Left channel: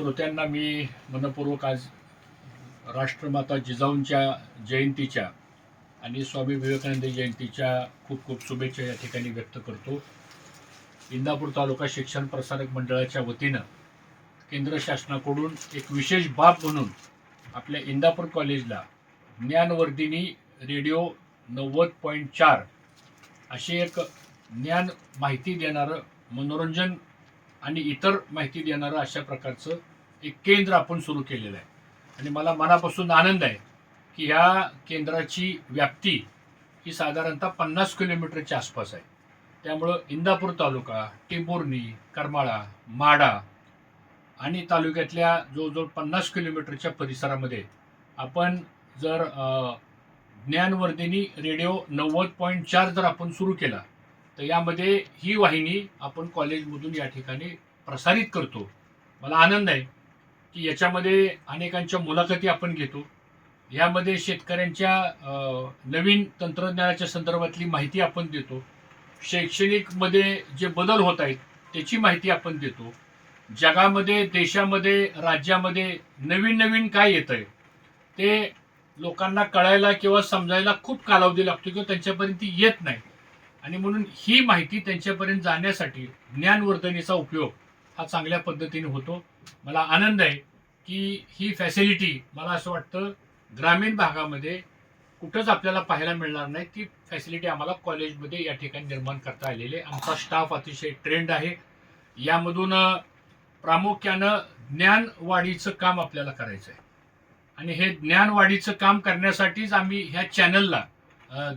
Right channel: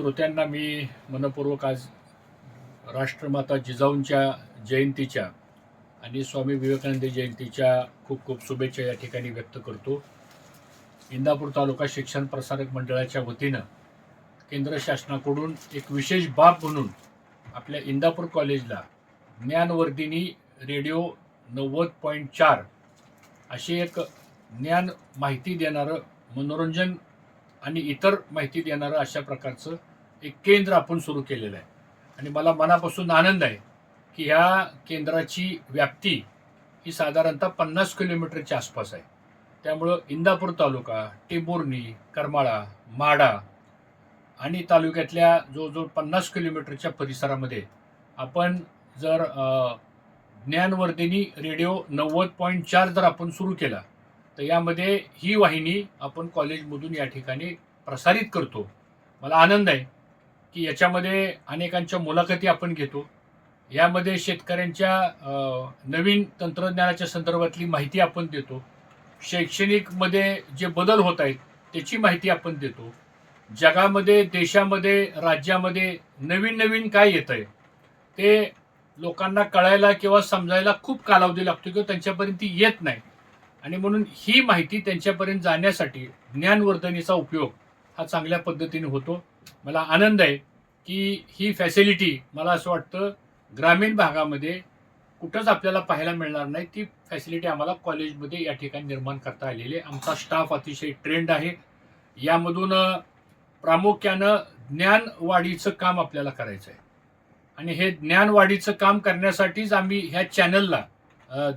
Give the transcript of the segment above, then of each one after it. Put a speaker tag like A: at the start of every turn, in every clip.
A: श्रोत्यांना मी मनपूर्वक आज राष्ट्रमाता जिजाऊंच्या जयंतीच्या आणि स्वामी विवेकानंद जयंतीच्या खूप खूप शुभेच्छा या ठिकाणी व्यक्त करतो. इंदापूर तालुका शिक्षण प्रसारक मंडळाच्या वतीनं केंद्र शासनाकडून एक विशेष बाब म्हणून आपल्या इंदापूर कॉलेजला ज्ञानवर्धिनी रेडिओ नव्वद पॉईंट चार असे एक ज्ञान माहिती देणारं मनोरंजन आणि इतर माहिती देणारं अशा प्रकारचं एक केंद्र आपण सुरू केलेलं आहे. आणि मला मनापासून आनंद आहे की ह्या केंद्राची व्याप्ती ही साधारणतः पन्नास किलोमीटरच्या आसपास आहे. त्यामुळं इंदापूर तालुका टेंभुर्णी करमाळा माडा आणि तालुक्यातल्या जवळजवळ पन्नास किलोमीटरच्या परिसरामध्ये आपण जर ज्ञानवर्धिनी रेडिओ नव्वद पॉईंट चार जर आपण सुरू केला तर यामध्ये ही वाहिनी आपण कॉलेजमधून या ठिकाणी प्रसारित करतो. मला आनंद आहे की याच्यामध्ये अनेकांच्या मुलाखती आपण घेतो. यामध्ये शेतकऱ्यांच्या नवीन तंत्रज्ञानाच्या संदर्भातली माहिती आपण देतो. शैक्षणिकमध्ये जे बदल होत आहेत त्याची माहिती आपण देतो. जगामध्ये देशामध्ये राज्यामध्ये नवीन नवीन काय येतं आहे ते लोकांना कळायला किंवा समजायला खूप कालावधी लागतो किंवा त्यांच्यापर्यंत ती येत नाही. आणि म्हणून ही माहिती त्यांच्यापर्यंत जाण्यासाठी ज्ञानवर्धनेचा उपयोग हा चांगल्या पद्धतीने होतो. मला आनंद आहे की ही फॅसिलिटी मला असं वाटतं ग्रामीण भागामध्ये कुठंच आपल्याला पाहायला मिळणार नाही. ती फॅसिलिटी आम्हाला कॉलेजमध्ये या ठिकाणी निर्माण करता आलेली आहे. आमचा स्टाफ अतिशय ट्रेंड आहे. यामधून प्रामुख्यानं ज्ञानवाढीचं काम आपल्याला करायचं आहे आणि हे ज्ञानवाढीचं काम करण्यासाठीच आम्ही ह्या चॅनलला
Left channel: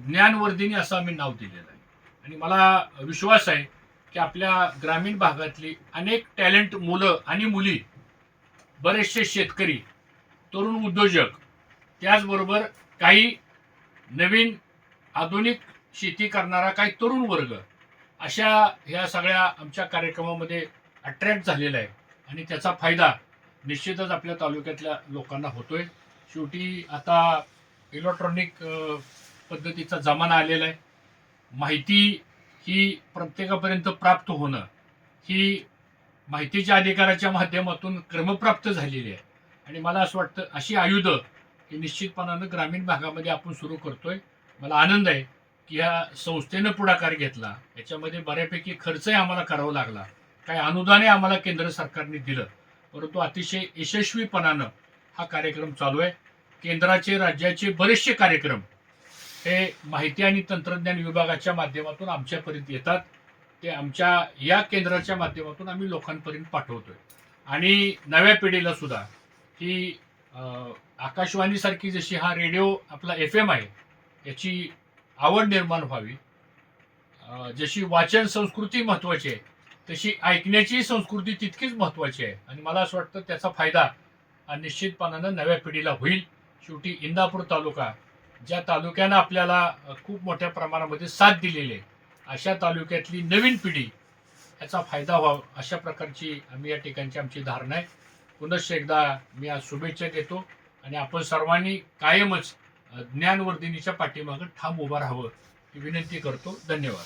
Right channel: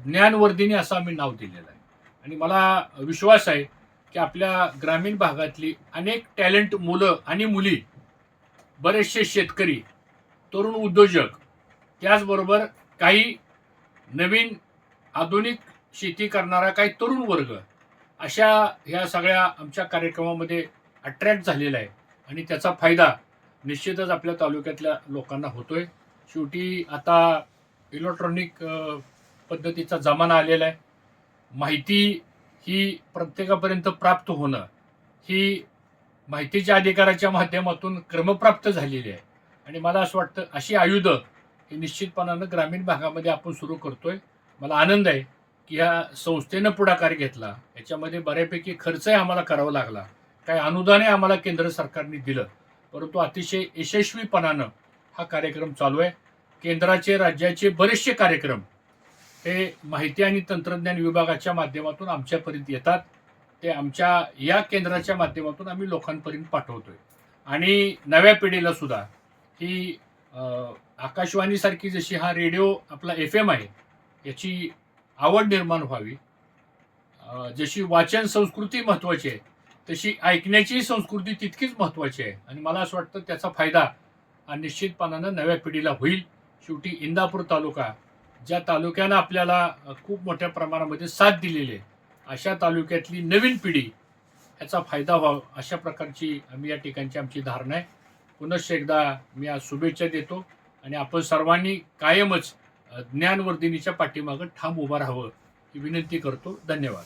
A: ज्ञानवर्धिनी असं आम्ही नाव दिलेलं आहे. आणि मला विश्वास आहे की आपल्या ग्रामीण भागातली अनेक टॅलेंट मुलं आणि मुली बरेचसे शेतकरी तरुण उद्योजक त्याचबरोबर काही नवीन आधुनिक शेती करणारा काही तरुण वर्ग अशा ह्या सगळ्या आमच्या कार्यक्रमामध्ये अट्रॅक्ट झालेला आहे आणि त्याचा फायदा निश्चितच आपल्या तालुक्यातल्या लोकांना होतो आहे शेवटी आता इलेक्ट्रॉनिक पद्धतीचा जमाना आलेला आहे. माहिती ही प्रत्येकापर्यंत प्राप्त होणं ही माहितीच्या अधिकाराच्या माध्यमातून क्रमप्राप्त झालेली आहे. आणि मला असं वाटतं अशी आयुधं ही निश्चितपणानं ग्रामीण भागामध्ये आपण सुरू करतोय. मला आनंद आहे की ह्या संस्थेनं पुढाकार घेतला. याच्यामध्ये बऱ्यापैकी खर्चही आम्हाला करावा लागला. काय अनुदानही आम्हाला केंद्र सरकारने दिलं. परंतु अतिशय यशस्वीपणानं हा कार्यक्रम चालू आहे. केंद्राचे राज्याचे बरेचसे कार्यक्रम हे माहिती आणि तंत्रज्ञान विभागाच्या माध्यमातून आमच्यापर्यंत येतात. ते आमच्या या केंद्राच्या माध्यमातून आम्ही लोकांपर्यंत पाठवतोय. आणि नव्या पिढीला सुद्धा ही आकाशवाणीसारखी जशी हा रेडिओ आपला एफ एम आहे याची आवड निर्माण व्हावी. जशी वाचन संस्कृती महत्वाची आहे तशी ऐकण्याची संस्कृती तितकीच महत्वाची आहे. आणि मला असं वाटतं त्याचा फायदा निश्चितपणानं नव्या पिढीला होईल. शेवटी इंदापूर तालुका ज्या तालुक्यानं आपल्याला खूप मोठ्या प्रमाणामध्ये साथ दिलेली आहे अशा तालुक्यातली नवीन पिढी याचा फायदा व्हावा अशा प्रकारची आम्ही या ठिकाणची आमची धारणा आहे. पुनश्च एकदा मी आज शुभेच्छा देतो आणि आपण सर्वांनी कायमच ज्ञानवर्धिनीच्या पाठीमागं ठाम उभं राहावं ही विनंती करतो. धन्यवाद.